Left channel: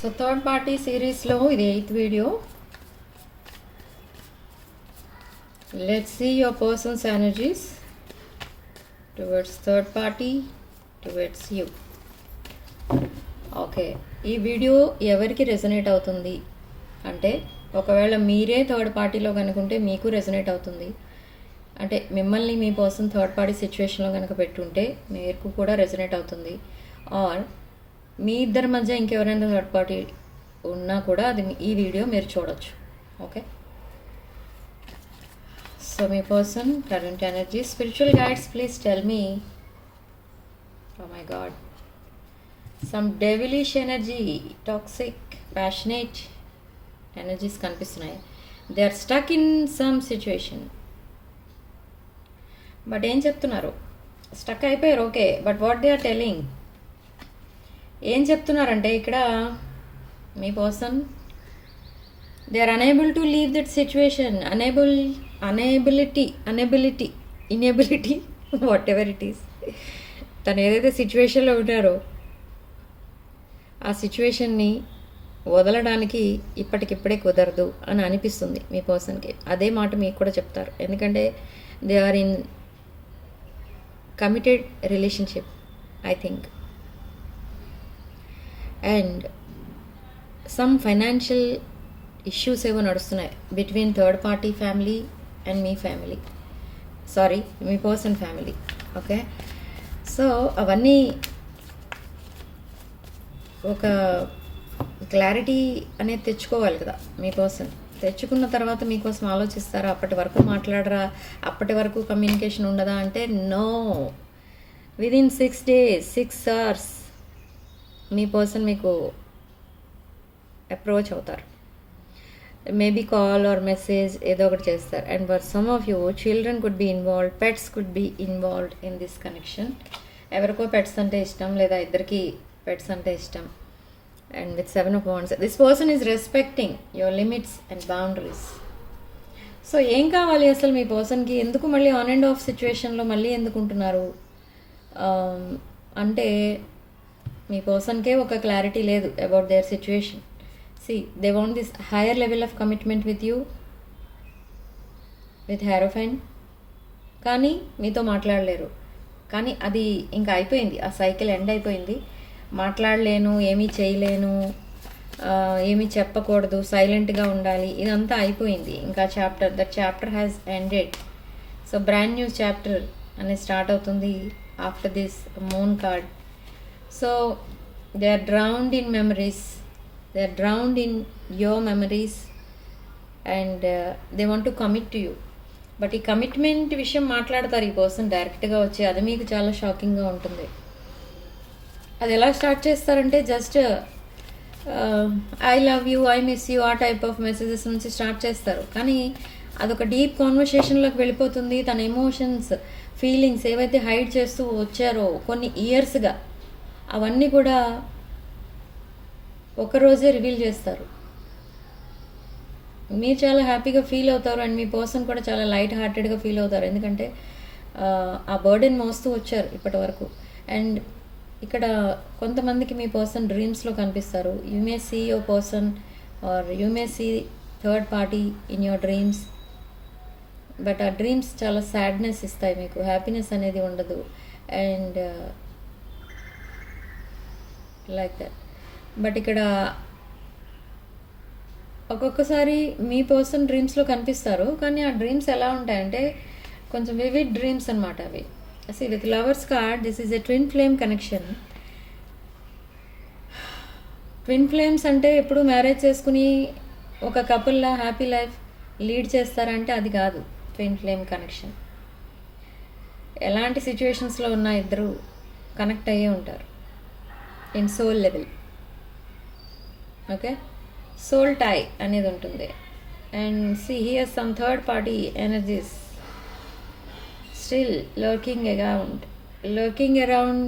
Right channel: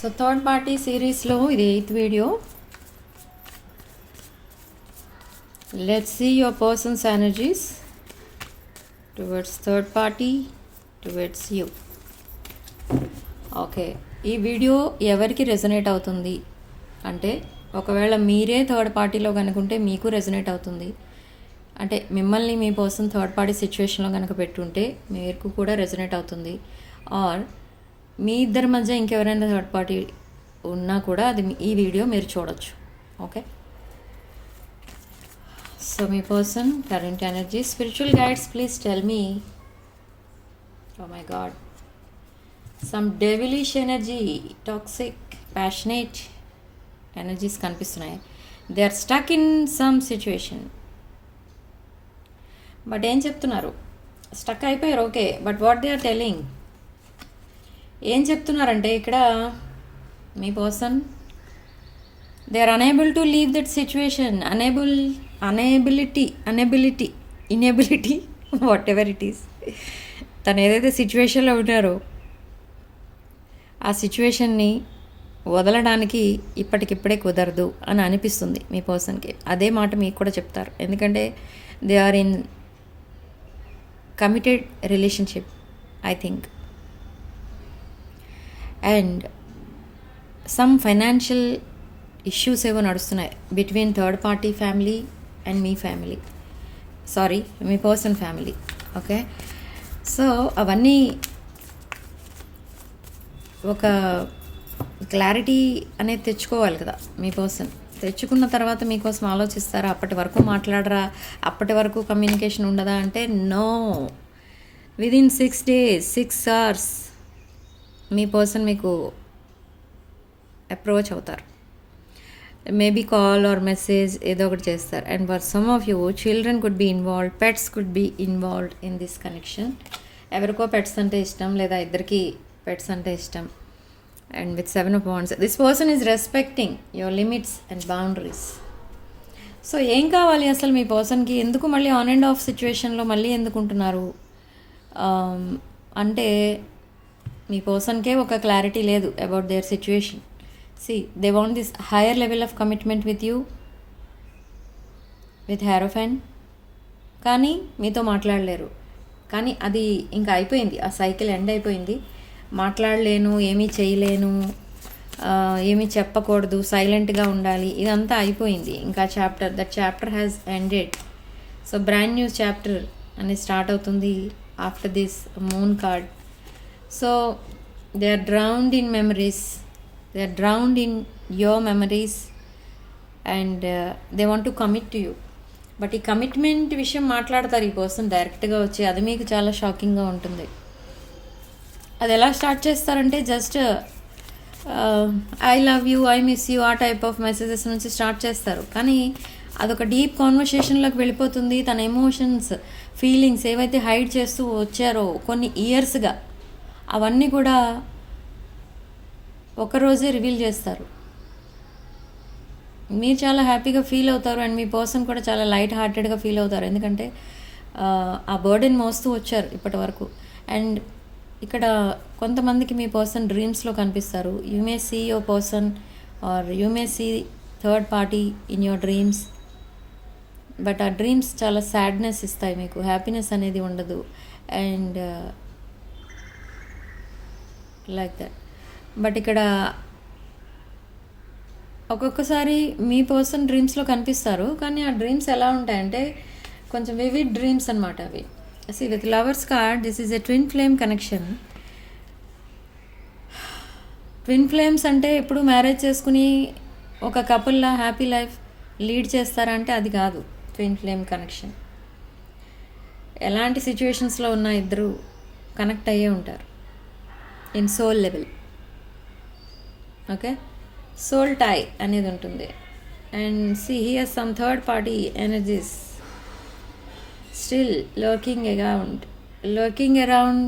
So third party సిరీస్లో ఇది 8th video. Let's see your persons energies towards third party, towards you. Okay, ఈ video ఎవరికి resonate అవుతుంది అంటే, ఒకవేళ మీరే థర్డ్ పార్టీలో కనుకుంటే మీకు రెజొనేట్ అవుతుంది. అంటే మిమ్మల్ని మీ పర్సన్ థర్డ్ పార్టీ సిచ్యువేషన్లో కనుక పెట్టుంటే మీకు కూడా రెజొనేట్ అవుతుంది. ఆర్ మీ ఇద్దరి మధ్య ఇంకెవరైనా థర్డ్ పార్టీ ఉన్నా కూడా అది ఈ వీడియో మీరు చూడొచ్చు. ఓకే, సో మీ person current energy, spiritual guides please tell me. Oh my god, some devilish energy, toxic, passionate energies కనిపిస్తున్నాయి. They are stuck in some situation. But ఏం చెప్తున్నారు? స్టక్ అయిపోయారు, okay, but what they are telling, ఏం చెప్తున్నారంటే ఇక్కడ మీ person they are unable to leave that situation. Inability what it is. తను ఏదైతే సిచ్యువేషన్లో ఉన్నారో ఆ సిచ్యువేషన్ని వదలడానికి ఇప్పటికిప్పుడే కుదరదు అని అనిపిస్తుంది మీ పర్సన్కి. అదే మాట మీకు కూడా చెప్తారు, ఎందుకంటే they are in committed relationship I think. And some financial issues ఏవో నడుస్తున్నాయి between third party family and మీ ఫ్యామిలీ, సారీ మీ పర్సన్ ఫ్యామిలీ. ఓకే, సో అవన్నీ ఒక క్లారిటీ అనేది తెచ్చుకోవాలి కదా మీ పర్సన్. తెచ్చుకున్న తర్వాత మీకోసం ఆలోచిస్తారా? అప్పటి వరకు మాట్లాడరా? అప్పటి వరకు కమ్యూనికేషన్ ఉండదా అంటే నో. విదిన్ 6 days 6 hours మీ పర్సన్ మీకు అప్రోచ్ అవుతారు. మేబీ కాల్ ఆర్ మెసేజ్ ఏదో ఒకటి చేస్తారు. And for some of you children could be involved, pets could be involved in this connection. ఎవరికో పెట్స్ అంటే ఇష్టం, లేదా ఇద్దరికి పెట్స్ అంటే ఇష్టం. And with 7 of Wands, this person is respecting your limits and boundaries. So ఏం కావాలి అసలు మీ పర్సన్కి? ఎందుకు మళ్ళీ ఆన్ అండ్ ఆఫ్ సిచ్యువేషన్లో మళ్ళీ ఎందుకు ఉంటున్నారు అంటే మీ పర్సన్కే ఒక క్లారిటీ లేదు about their situation. See they want this higher level of commitment with you, with హెరోఫైన్, కానీ మీతో మాట్లాడలేరు. కానీ అది ఇంకా అయిపోయింది, ఆ సైకిల్ ఎండ్ అయిపోయింది. మాట్లాడలేను, ఏమీ చేయలేను, ఏమీ చెప్పకూడదు, సైలెంట్గా ఉండాలి, ఇదంతా అయిపోయింది. ఇంకా that chapter has ended. So brand new chapter అనేది స్టార్ట్ అవుతుంది after this moon card. So they are drowned in memories, they are drowned in your memories and they want to commit to you. But ఈ commitment విషయం మాట్లాడతారు ఈ person డైరెక్ట్గా వచ్చి. అది మీకు చాలా షాకింగ్గా ఉంటుంది. అది ఎలా స్టార్ట్ చేస్తారంటే just I love you, I miss you, ఆ టైప్ ఆఫ్ మెసేజెస్ నుంచి స్టార్ట్ చేస్తారు. కానీ అదొక డీప్ కాన్వర్సేషన్లోకి వెళ్ళిపోతుంది. తన ఎమోషన్స్, ఫీలింగ్స్ ఏవైతే హైడ్ చేస్తూ వచ్చారో కొన్ని ఇయర్స్గా, అవన్నీ కూడా ఒకరోజే రివీల్ చేస్తారు. మీరు చాలా హ్యాపీగా ఫీల్ అవుతారు అండ్ మీ పర్సన్ కూడా చాలా లైట్ హార్టెడ్గా ఫీల్ అవుతారు, ఎందుకంటే ఆ బర్డెన్ మోస్తూ వచ్చారు ఇప్పటి వరకు. అండ్ ఇక్కడ కొంతమందికి మీ పర్సన్ డ్రీమ్స్లో కనిపిస్తారు. You may see your person or you may see third party in your dreams. But ఆ డ్రీమ్స్ చాలా సాడ్నెస్ ఇస్తాయి మీకు, హ్యాపీనెస్ అనేది ఉండదు. And like that. బట్ ఇక్కడ ఒక్కొక్కసారి మీ పర్సన్ డ్రీమ్స్లో కనిపిస్తారు, కానీ ఆ డ్రీమ్స్ ఎలా ఉంటాయంటే కొంచెం వివిడ్ డ్రీమ్స్ అనమాట అవి. See, with Lovers card, this is a twin flame connection. Twin flames అంటే ఎప్పుడు మ్యారేజ్ చేసుకుని ఒక కపుల్లా హ్యాపీ లైఫ్ లీడ్ చేస్తారంటే అది కాదు ట్విన్ ఫ్లేమ్ కనెక్షన్. ఎలాంటి సిచ్యువేషన్స్లో ఉన్న ఇద్దరు కనెక్ట్ అయ్యే ఉంటారు in soul level. Okay, soul tie అనేది ఉంటుంది. And see here some third party energies still lurking around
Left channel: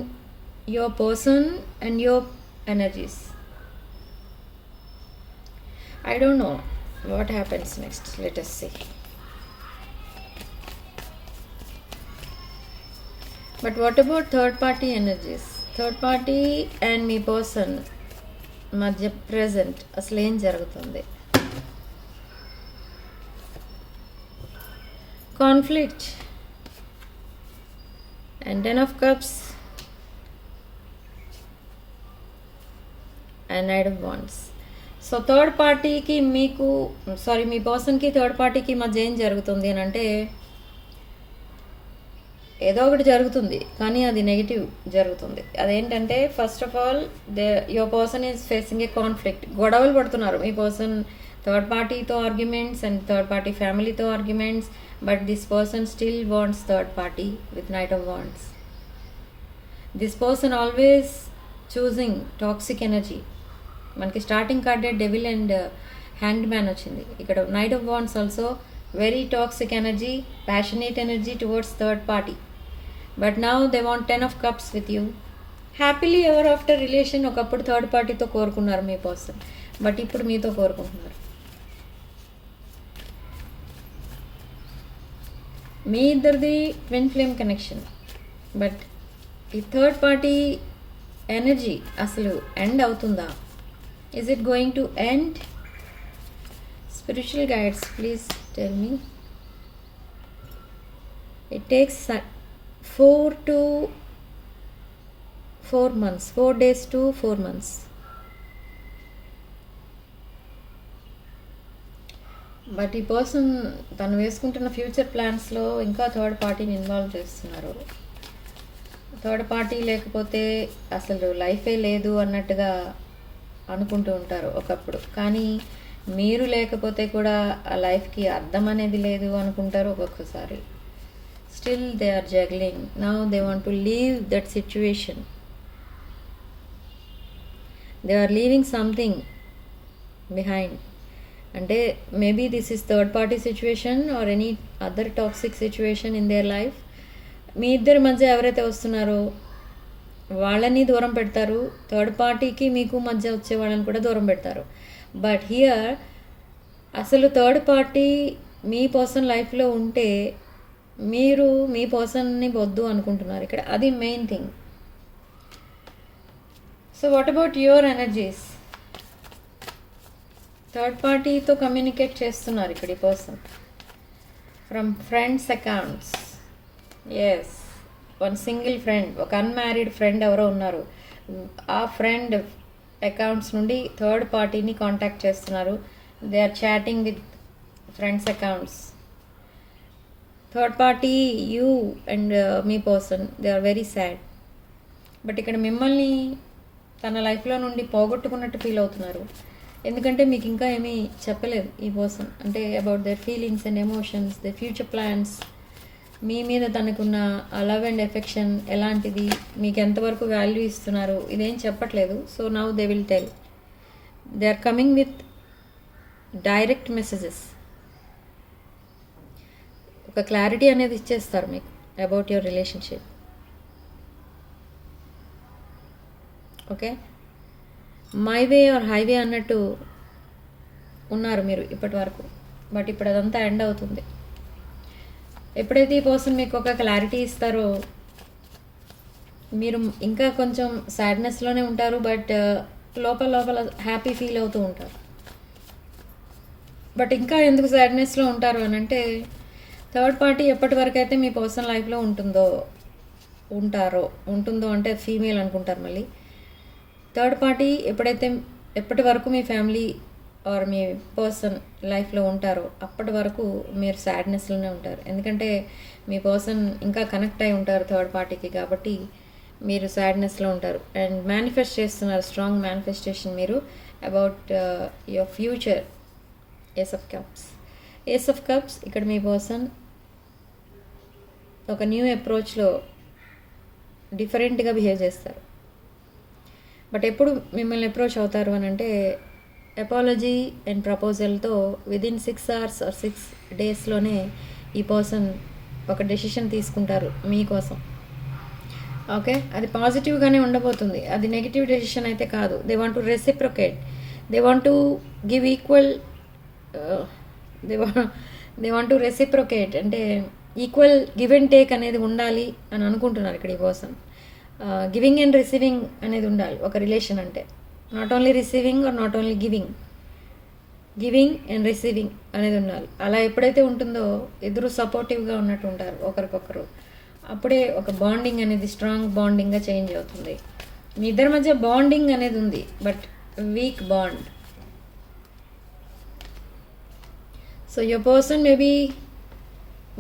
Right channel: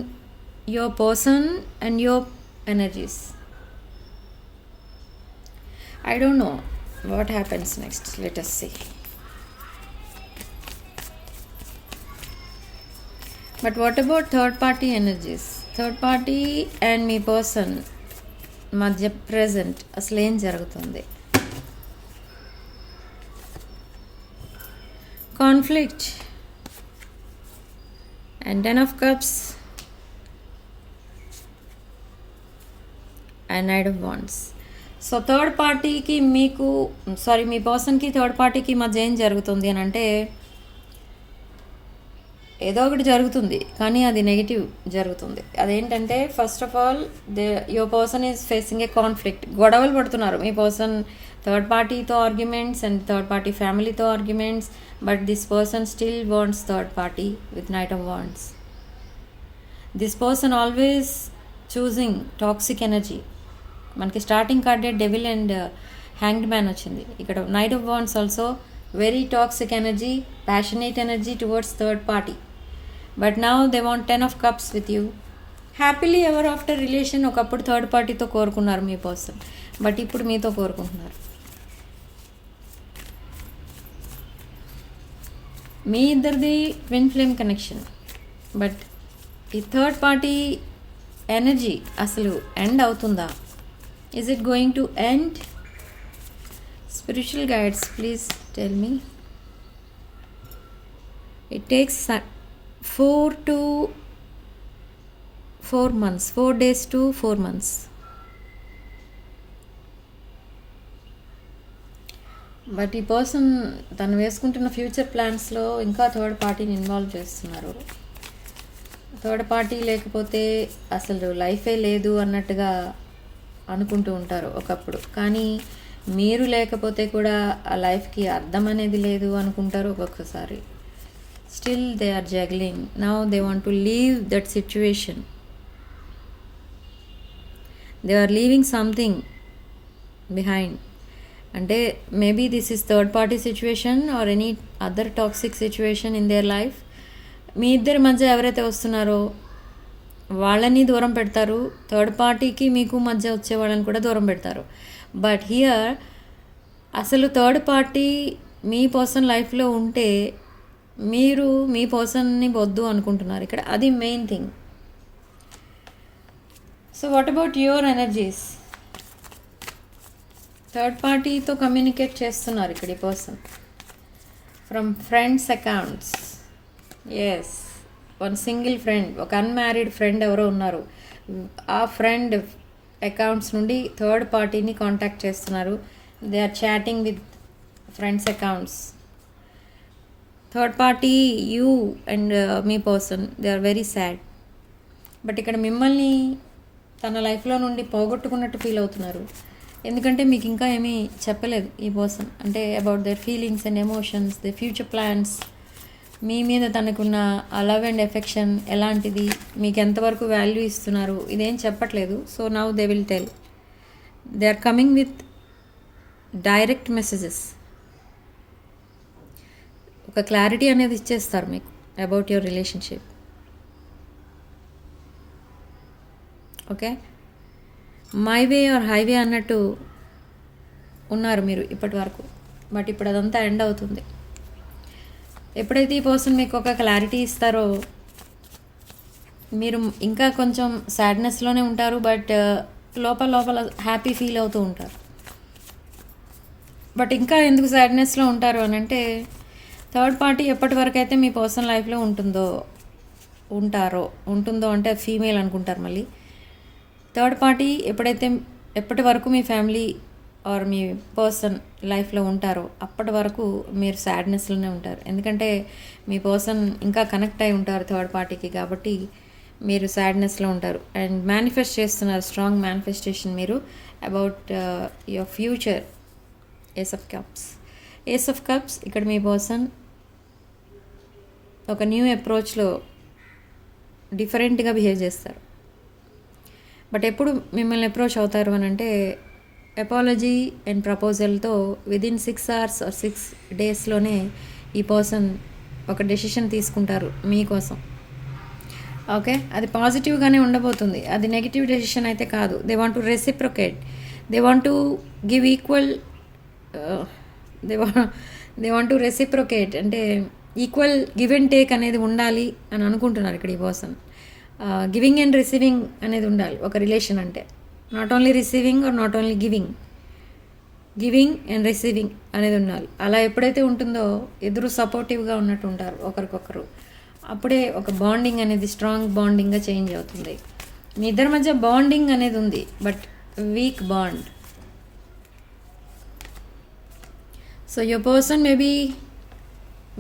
your person and your energies. I don't know what happens next. Let us see. But what about third party energies? Third party and me person మధ్య present అసలు ఏం జరుగుతుంది? Conflict and 10 of cups and Knight of Wands. So third పార్టీకి మీ పర్సన్కి third పార్టీకి మధ్య ఏం జరుగుతుంది అని అంటే ఏదో ఒకటి జరుగుతుంది, కానీ అది నెగిటివ్ జరుగుతుంది. అదేంటంటే first of all your person is facing a conflict. గొడవలు పడుతున్నారు మీ పర్సన్ థర్డ్ పార్టీతో ఆర్గ్యుమెంట్స్ అండ్ థర్డ్ పార్టీ ఫ్యామిలీతో arguments, but this person still wants third party with Knight of Wands. This person always choosing toxic energy. మనకి starting కార్డే devil and hanged man వచ్చింది. ఇక్కడ Knight of Wands also very toxic energy, passionate energy towards third party. But now they want 10 of cups with you. Happily ever after relation ఒకప్పుడు third పార్టీతో కోరుకున్నారు మీ person, but ఇప్పుడు మీతో కోరుకుంటున్నారు. మీ ఇద్దరిది twin flame connection, but ఈ third party energy అసలు end అవుతుందా? Is it going to end? Spiritual guides please tell me. It takes 4 to 4 months, 4 days to 4 months. But ఈ పర్సన్ తను వేసుకుంటున్న ఫ్యూచర్ ప్లాన్స్లో ఇంకా థర్డ్ పార్టీని ఇన్వాల్వ్ చేస్తున్నారు. థర్డ్ పార్టీ లేకపోతే అసలు లైఫే లేదు అన్నట్టుగా అనుకుంటూ ఉంటారు ఒకప్పుడు, కానీ మీరు లేకపోతే కూడా ఆ లైఫ్కి అర్థం అనేది లేదు అనుకుంటారు ఒక్కొక్కసారి. Still they are juggling. Now they want to leave that situation. They are leaving something behind. అంటే maybe this is third party situation or any other toxic situation in their life. మీ ఇద్దరి మధ్య ఎవరైతే వస్తున్నారో వాళ్ళని దూరం పెడతారు, థర్డ్ పార్టీకి మీకు మధ్య వచ్చే వాళ్ళని కూడా దూరం పెడతారు. బట్ హియర్ అసలు థర్డ్ పార్టీ మీ పర్సన్ లైఫ్లో ఉంటే మీరు మీ పర్సన్ని వద్దు అనుకుంటున్నారు ఇక్కడ, అది main thing. So what about your energies? Third పార్టీతో కమ్యూనికేట్ చేస్తున్నారు ఇక్కడ ఈ person from friends accounts. Yes, one single friend, ఒక అన్మ్యారీడ్ ఫ్రెండ్ ఎవరో ఉన్నారు, ఆ ఫ్రెండ్ అకౌంట్స్ నుండి థర్డ్ పార్టీని కాంటాక్ట్ చేస్తున్నారు. They are chatting with friends accounts. Third party you and మీ person they are very sad. But ఇక్కడ మిమ్మల్ని తన లైఫ్లో నుండి పోగొట్టుకున్నట్టు ఫీల్ అవుతున్నారు, ఎందుకంటే మీకు ఇంకా ఏమీ చెప్పలేదు ఈ పర్సన్, అంటే about their feelings and emotions, they future plans, మీ మీద తనకున్న ఆ లవ్ అండ్ ఎఫెక్షన్ ఎలాంటిది, మీకు ఎంతవరకు వాల్యూ ఇస్తున్నారు, ఇదేం చెప్పట్లేదు. So now they will tell. They are coming with direct messages. ఒక క్లారిటీ అనేది ఇచ్చేస్తారు మీకు about your relationship. Okay, my way or highway అన్నట్టు ఉన్నారు మీరు ఇప్పటి వరకు, బట్ ఇప్పుడు అదంతా ఎండ్ అవుతుంది. ఎప్పుడైతే ఈ పర్సన్ మీకు ఒక క్లారిటీ ఇస్తారో మీరు ఇంకా కొంచెం సాడ్నెస్లోనే ఉంటారు, బట్ లోపల లోపల హ్యాపీ ఫీల్ అవుతూ ఉంటారు. బట్ ఇంకా ఎందుకు సాడ్నెస్లో ఉంటారు అని అంటే థర్డ్ పార్టీ ఎప్పటి వరకు అయితే మీ పర్సనల్ లైఫ్లో ఉంటుందో అంటే ఫీమేల్ అనుకుంటారు మళ్ళీ. థర్డ్ పార్టీ ఎప్పటి వరకు మీ ఫ్యామిలీ ఆర్ మీ పర్సన్ లైఫ్లో ఉంటారో అప్పటి వరకు మీరు సాడ్నెస్లోనే ఉంటారు, ఎందుకంటే మీ పర్సన్ ఇంకా కనెక్ట్ అయి ఉంటారు థర్డ్ పార్టీకి, కాబట్టి మీరు సాడ్నెస్లో ఉంటారు. అండ్ మేనిఫెస్ట్ చేస్తున్నారు, స్ట్రాంగ్ మేనిఫెస్టేషన్ మీరు about your future. Ace of cups ఇక్కడ మీ పర్సన్ ఒక న్యూ అప్రోచ్లో డిఫరెంట్గా బిహేవ్ చేస్తారు. బట్ ఎప్పుడు మిమ్మల్ని అప్రోచ్ అవుతారు అని అంటే అపాలజీ అండ్ ప్రపోజల్తో విదిన్ 6 hours ఆర్ 6 daysలోనే ఈ పర్సన్ ఒక డెసిషన్ తీసుకుంటారు మీకోసం. ఓకే, అది పాజిటివ్గానే ఉండబోతుంది, అది నెగిటివ్ డెసిషన్ అయితే కాదు. They want to reciprocate, they want to give equal, they want to reciprocate అంటే ఈక్వల్ గివ్ అండ్ టేక్ అనేది ఉండాలి అని అనుకుంటున్నారు ఇక్కడ ఈ పర్సన్. గివింగ్ అండ్ రిసీవింగ్ అనేది ఉండాలి ఒక రిలేషన్ అంటే. Not only receiving or not only giving and receiving అనేది ఉండాలి. అలా ఎప్పుడైతే ఉంటుందో ఇద్దరు సపోర్టివ్గా ఉన్నట్టు ఉంటారు ఒకరికొకరు. అప్పుడే ఒక బాండింగ్ అనేది స్ట్రాంగ్ బాండింగ్గా చేంజ్ అవుతుంది. మీ ఇద్దరి మధ్య బాండింగ్ అనేది ఉంది, but weak bond. So your person may be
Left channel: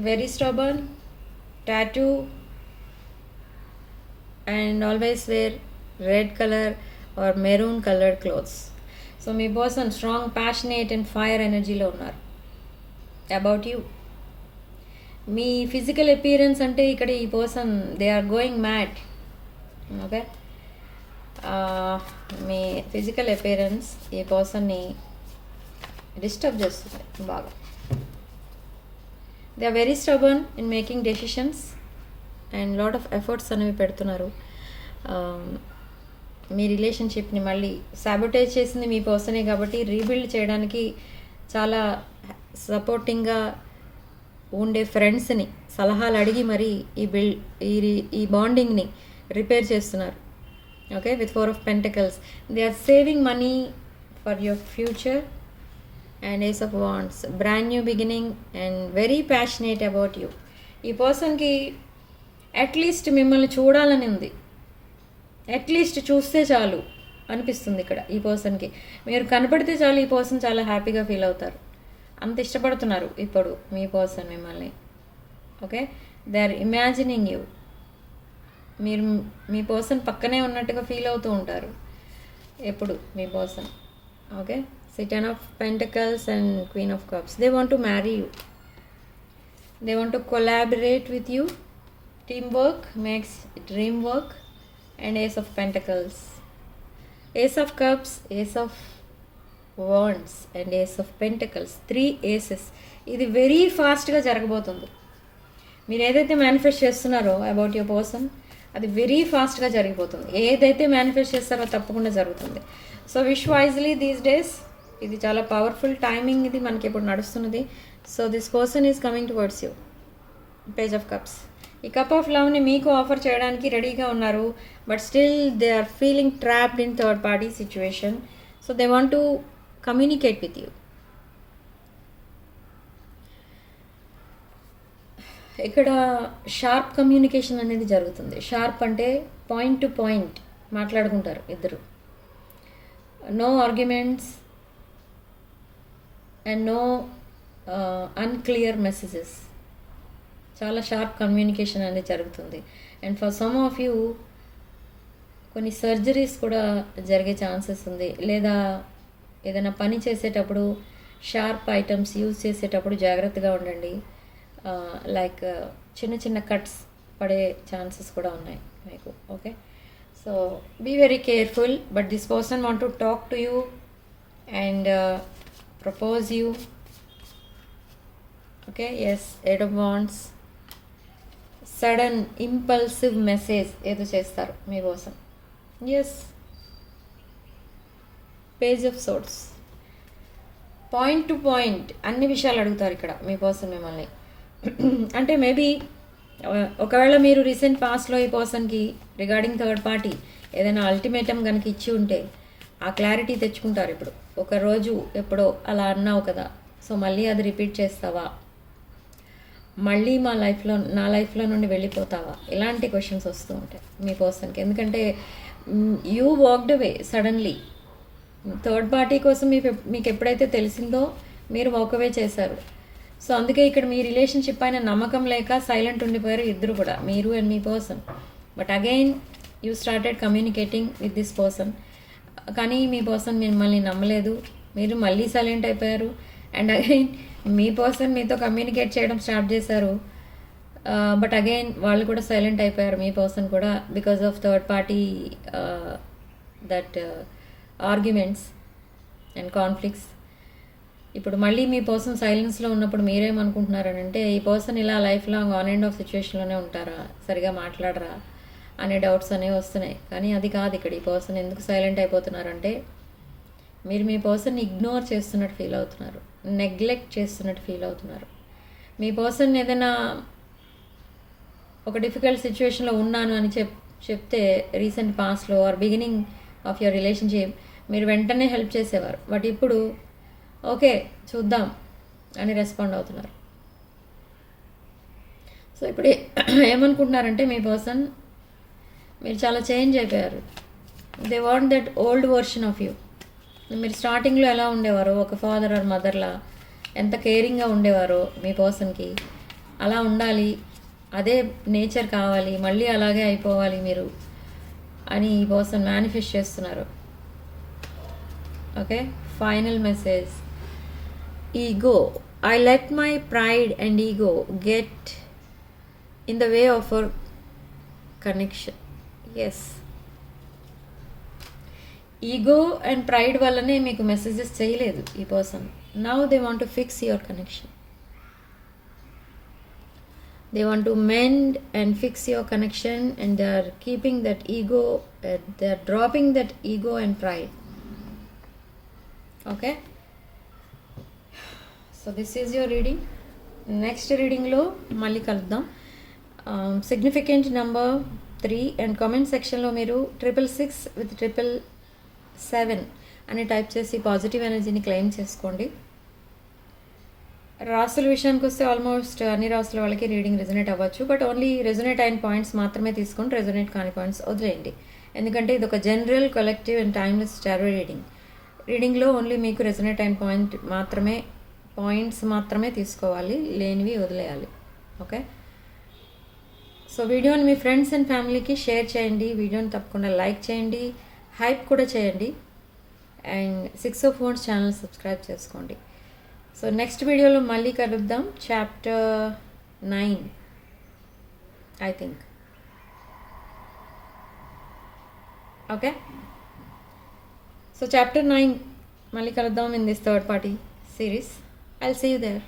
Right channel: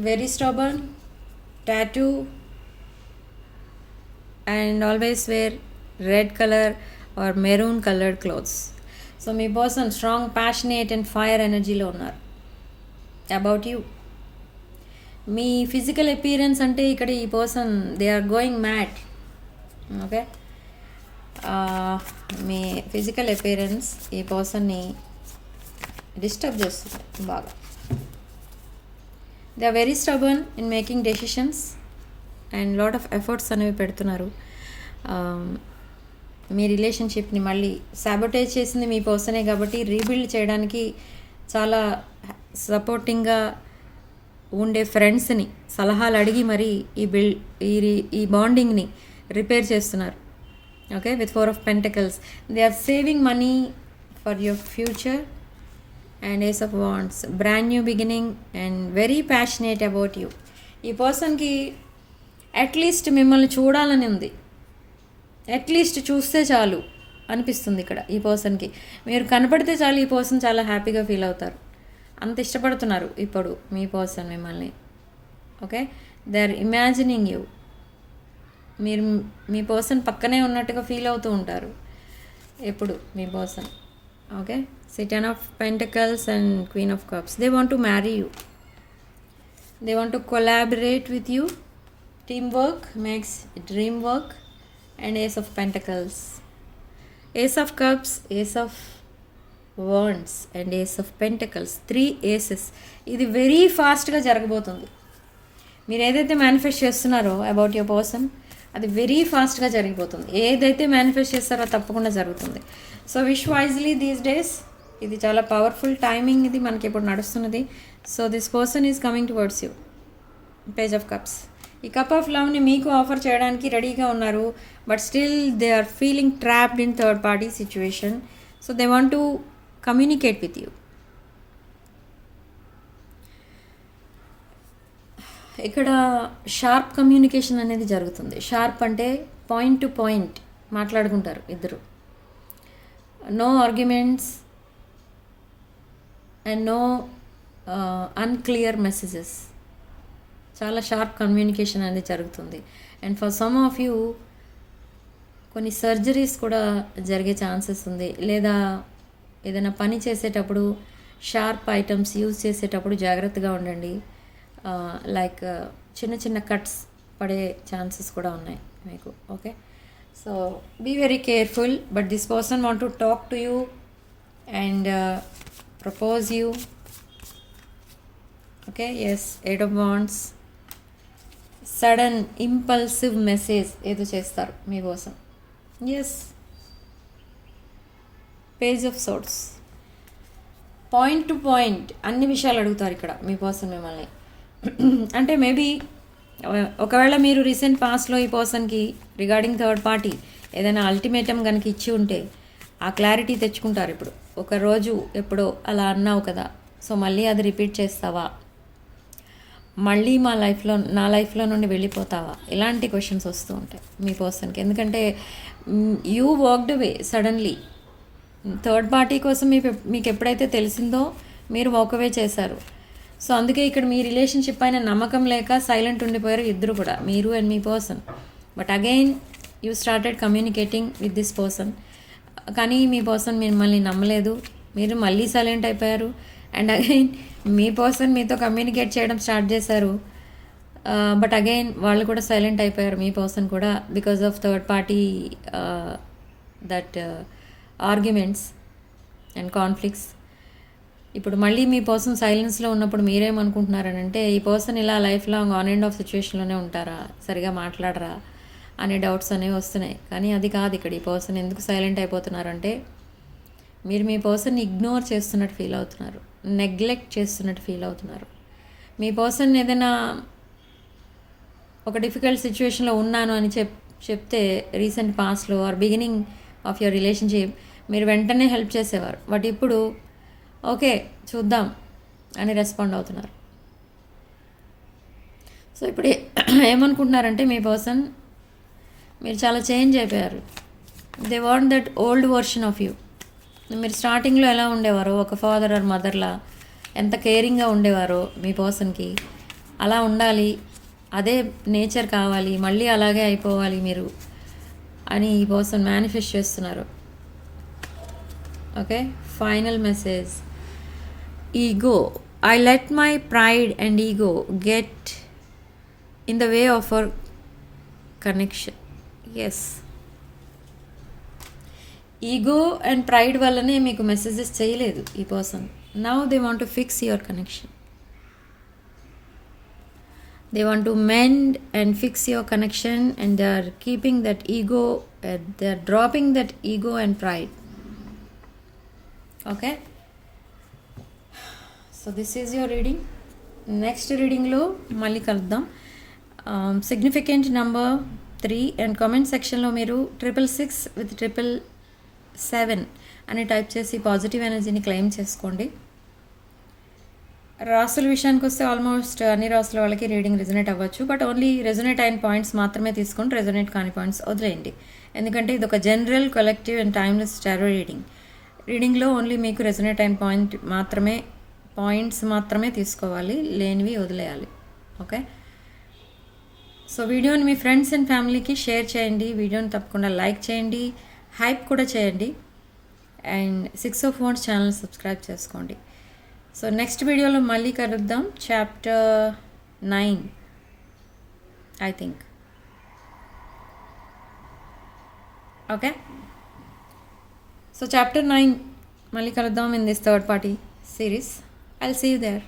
very stubborn, tattoo, and always wear red colour or maroon coloured clothes. So మీ person strong passionate and fire ఎనర్జీలో ఉన్నారు అబౌట్ యూ. మీ physical appearance అంటే ఇక్కడ ఈ person they are going mad. Okay, మీ physical appearance ఈ పర్సన్ని డిస్టర్బ్ చేస్తుంది బాగా. They are very stubborn in making decisions and lot of efforts అనేవి పెడుతున్నారు. మీ రిలేషన్షిప్ని మళ్ళీ సాబోటేజ్ చేసింది మీ పర్సనే కాబట్టి రీబిల్డ్ చేయడానికి చాలా సపోర్టింగ్గా ఉండే ఫ్రెండ్స్ని సలహాలు అడిగి మరి ఈ బాండింగ్ని రిపేర్ చేస్తున్నారు. Okay, with 4 of Pentacles. They are saving money for your future and Ace of Wands. Brand new beginning and very passionate about you. ఈ పర్సన్కి అట్లీస్ట్ మిమ్మల్ని చూడాలని ఉంది, అట్లీస్ట్ చూస్తే చాలు అనిపిస్తుంది ఇక్కడ ఈ పర్సన్కి. మీరు కనపడితే చాలు ఈ పర్సన్ చాలా హ్యాపీగా ఫీల్ అవుతారు. అంత ఇష్టపడుతున్నారు ఇప్పుడు మీ పర్సన్ మిమ్మల్ని. Okay, they are imagining you. మీరు మీ పర్సన్ పక్కనే ఉన్నట్టుగా ఫీల్ అవుతూ ఉంటారు ఎప్పుడు మీ person. Okay, Ten of Pentacles and Queen of Cups. They want to marry you. They want to collaborate with you. Teamwork makes dream work. And Ace of Pentacles. Ace of Cups, Ace of Wands and Ace of Pentacles. 3 aces. ఇది very ఫాస్ట్గా జరగబోతుంది. మీరు ఏదైతే manifest చేస్తున్నారో about your person అది very ఫాస్ట్గా జరిగిపోతుంది. ఏదైతే మేనిఫెస్ట్ చేస్తారో తప్పకుండా జరుగుతుంది. So wish wisely these days. ఇది చాలా పవర్ఫుల్ టైమింగ్ ఇది మనకి ఇప్పుడు నడుస్తున్నది. So this person is coming towards you. Page of cups. ఈ కప్ ఆఫ్ లవ్ని మీకు ఆఫర్ చేయడానికి రెడీగా ఉన్నారు, but still they are feeling trapped in third party situation. So they want to communicate with you. ఇక్కడ షార్ప్ కమ్యూనికేషన్ అనేది జరుగుతుంది. Sharp అంటే పాయింట్ టు పాయింట్ మాట్లాడుకుంటారు ఇద్దరు. No arguments and no unclear messages. చాలా షార్ప్ కమ్యూనికేషన్ అనేది జరుగుతుంది. And for some of you కొన్ని సర్జరీస్ కూడా జరిగే ఛాన్సెస్ ఉంది. లేదా ఏదైనా పని చేసేటప్పుడు షార్ప్ ఐటమ్స్ యూజ్ చేసేటప్పుడు జాగ్రత్తగా ఉండండి. లైక్ చిన్న చిన్న కట్స్ పడే ఛాన్సెస్ కూడా ఉన్నాయి మీకు. Okay, so be very careful. But this person want to talk to you and propose you. Okay, yes, 8 of Wands. Sudden impulsive message ఏదో చేస్తారు మీ కోసం. Yes, page of swords. Point to point అన్ని విషయాలు అడుగుతారు ఇక్కడ మీ పర్సన్ మిమ్మల్ని. అంటే మేబీ ఒకవేళ మీరు రీసెంట్ పాస్ట్లో ఈ పర్సన్కి రిగార్డింగ్ థర్డ్ పార్టీ ఏదైనా అల్టిమేటం కనుక ఇచ్చి ఉంటే ఆ క్లారిటీ తెచ్చుకుంటారు. ఇప్పుడు ఒకరోజు ఎప్పుడో అలా అన్నావు కదా, సో మళ్ళీ అది రిపీట్ చేస్తావా, మళ్ళీ నా లైఫ్లో నుండి వెళ్ళిపోతావా, ఇలాంటి క్వశ్చన్స్ వస్తూ ఉంటాయి మీ పర్సన్కి. ఎందుకంటే you worked away suddenly. Third party కోసం మీకు ఎప్పుడైతే తెలిసిందో మీరు వాక్ అవే చేశారు. సో అందుకే ఇక్కడ మీ రిలేషన్షిప్ పైన నమ్మకం లేక సైలెంట్ ఉండిపోయారు ఇద్దరు కూడా, మీరు అండ్ మీ person. But again you started communicating with this person. కానీ మీ పర్సన్ మిమ్మల్ని నమ్మలేదు, మీరు మళ్ళీ సైలెంట్ అయిపోయారు. అండ్ అగైన్ మీ పర్సన్ మీతో కమ్యూనికేట్ చేయడం స్టార్ట్ చేశారు, బట్ అగైన్ వాళ్ళు కూడా సైలెంట్ అయిపోయారు మీ పర్సన్ కూడా, because of third party that arguments and conflicts. ఇప్పుడు మళ్ళీ మీ పర్సన్ సైలెన్స్లో ఉన్నప్పుడు మీరేమనుకుంటున్నారనంటే ఈ పర్సన్ ఇలా life long on and off సిచ్యువేషన్లోనే ఉంటారా, సరిగా మాట్లాడరా అనే డౌట్స్ అనేవి వస్తున్నాయి. కానీ అది కాదు. ఇక్కడ ఈ పర్సన్ ఎందుకు సైలెంట్ అయిపోతున్నారంటే మీరు మీ పర్సన్ని ఇగ్నోర్ చేస్తున్నట్టు ఫీల్ అవుతున్నారు, నెగ్లెక్ట్ చేస్తున్నట్టు ఫీల్ అవుతున్నారు. మీ పర్సన్ ఏదైనా ఒక డిఫికల్ట్ సిచ్యువేషన్లో ఉన్నాను అని చెప్తే రీసెంట్ పాస్ట్లో or beginning of your relationship మీరు వెంటనే హెల్ప్ చేసేవారు. బట్ ఇప్పుడు ఓకే చూద్దాం అని రెస్పాండ్ అవుతున్నారు. సో ఇప్పుడు ఏమనుకుంటున్నారంటే మీ పర్సన్ మీరు చాలా చేంజ్ అయిపోయారు. They want that old version of you. మీరు స్టార్టింగ్లో ఎలా ఉండేవారో, ఒక ఫాదర్ ఆర్ మదర్లా ఎంత కేరింగ్గా ఉండేవారో మీ పర్సన్కి, అలా ఉండాలి, అదే నేచర్ కావాలి, మళ్ళీ అలాగే అయిపోవాలి మీరు అని ఈ పర్సన్ మేనిఫెస్ట్ చేస్తున్నారు. Okay, final message. Ego, I let my pride and ego get in the way of our connection. Yes, ego and pride వల్లనే మీకు మెసేజెస్ చేయలేదు ఈ person. Now they want to fix your connection. They want to mend and fix your connection, and they are keeping that ego, they are dropping that ego and pride. Okay, so this is your reading. Next reading lo malli kaluddam. Significant number 3 and comment section lo meeru 666 with 777 అని type చేసి positive ఎనర్జీని claim చేసుకోండి. రాసుల విషయానికి వస్తే almost అన్ని రాసుల వాళ్ళకి రీడింగ్ రెజొనేట్ అవ్వచ్చు. బట్ ఓన్లీ రెజొనేట్ అయిన పాయింట్స్ మాత్రమే తీసుకొని రెజొనేట్ కాని పాయింట్స్ వదిలేయండి. ఎందుకంటే ఇది ఒక general, collective and timeless tarot reading. రీడింగ్లో ఓన్లీ మీకు రెజొనేట్ అయిన పాయింట్స్ మాత్రమే తీసుకోవాలి, లేనివి వదిలేయాలి. ఓకే, సో వీడియోని మీ ఫ్రెండ్స్ అండ్ ఫ్యామిలీకి షేర్ చేయండి. వీడియోని తప్పకుండా లైక్ చేయండి, హైప్ కూడా చేయండి. And 6 of Wands channel subscribe చేసుకోండి. సో నెక్స్ట్ వీడియోలో మళ్ళీ కలుద్దాం. Chapter 9 I think. Okay, so chapter 9 మళ్ళీ కలుద్దాం in this third party series. I'll see you there.